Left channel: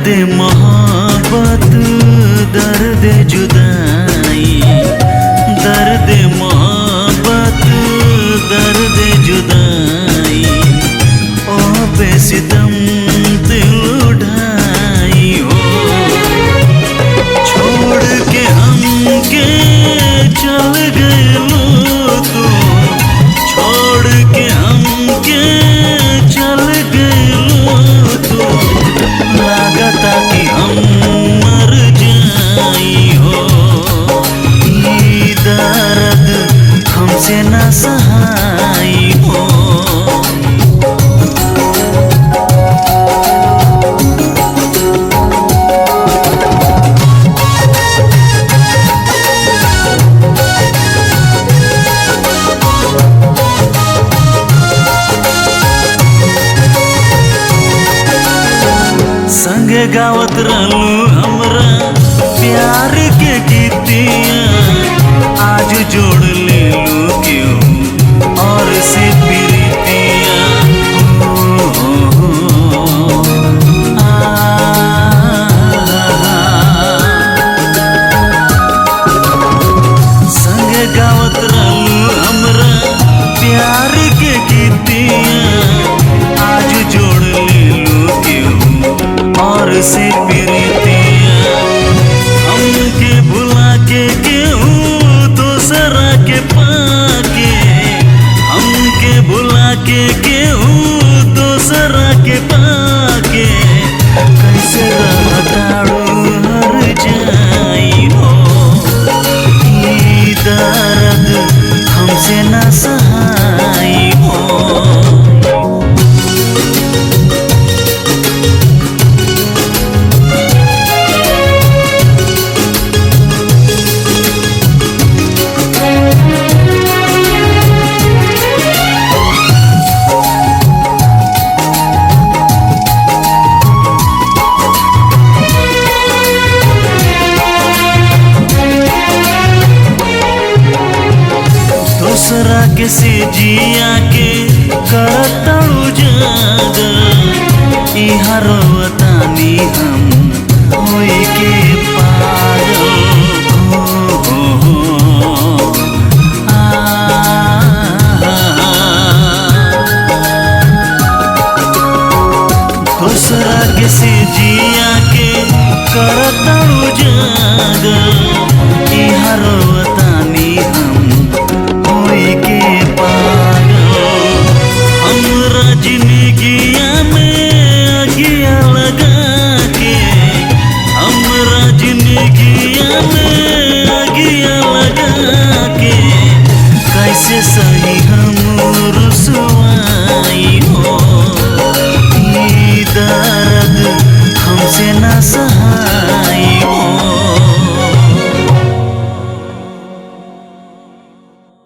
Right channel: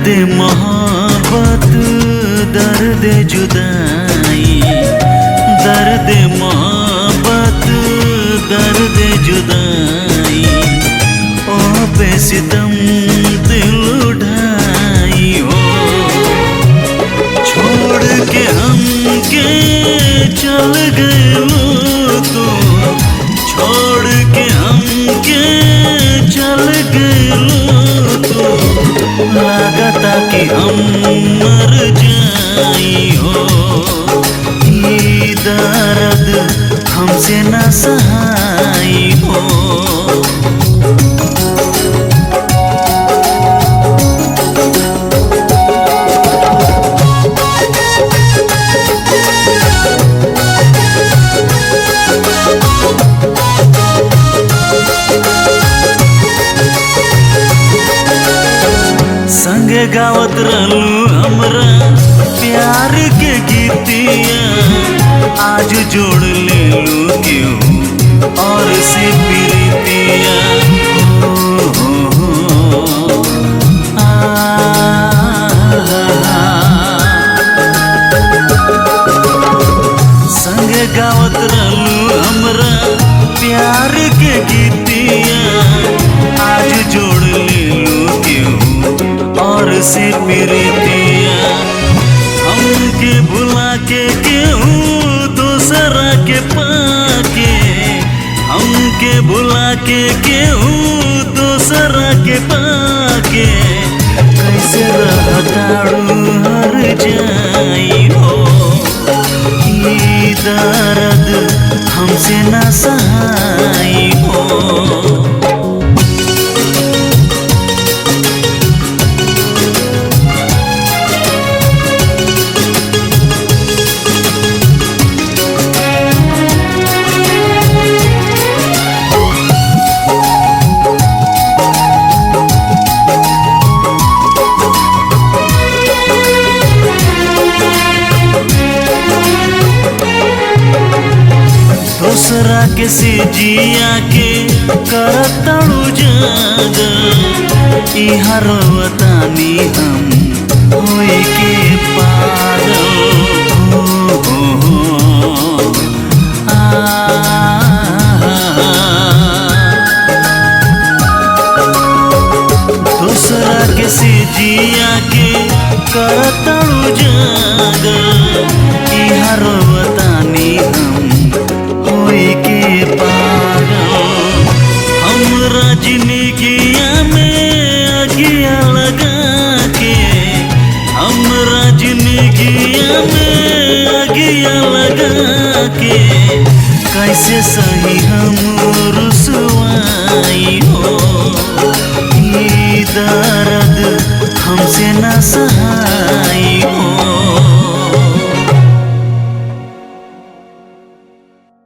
दर्द मोहब्बत दर्द जुदाई, दर्द मोहब्बत दर्द जुदाई, ओ बेसितम दिल उठाई हो। छोड़ के हमके चल गए लो तो, छोड़ के हमके चल गए लो तो, लागता कि हम मर जाई हो। ये दर्द हमसे ना सहाई हो। संगे गावत रहलू हमरा प्यार के गीतिया, आज जोड़ ले लू क्यों और से प्रीतिया। संगे गावत रहलू हमरा प्यार के गीतिया, आज जोड़ ले लू क्यों और से प्रीतिया। हमके भुला के क्यों दूसरा के पाके, हमके भुला के क्यों दूसरा के पाके, कैसे रहताड़ू हर जाई हो। ये दर्द हमसे ना सहाई हो। दूसरा के से जिया के करतड़ू जागा, इहा रोवतानी हम होई के पागल। दूसरा के से जिया के करतड़ू जागा, इहा रोवतानी हम के पागल। हमरा जिंदगिया में अगिया लगा के, हमरा जिंदगिया में अगिया लगा के, कैसे सही हम रुसवाई हो। ये दर्द हमसे ना सहाई हो।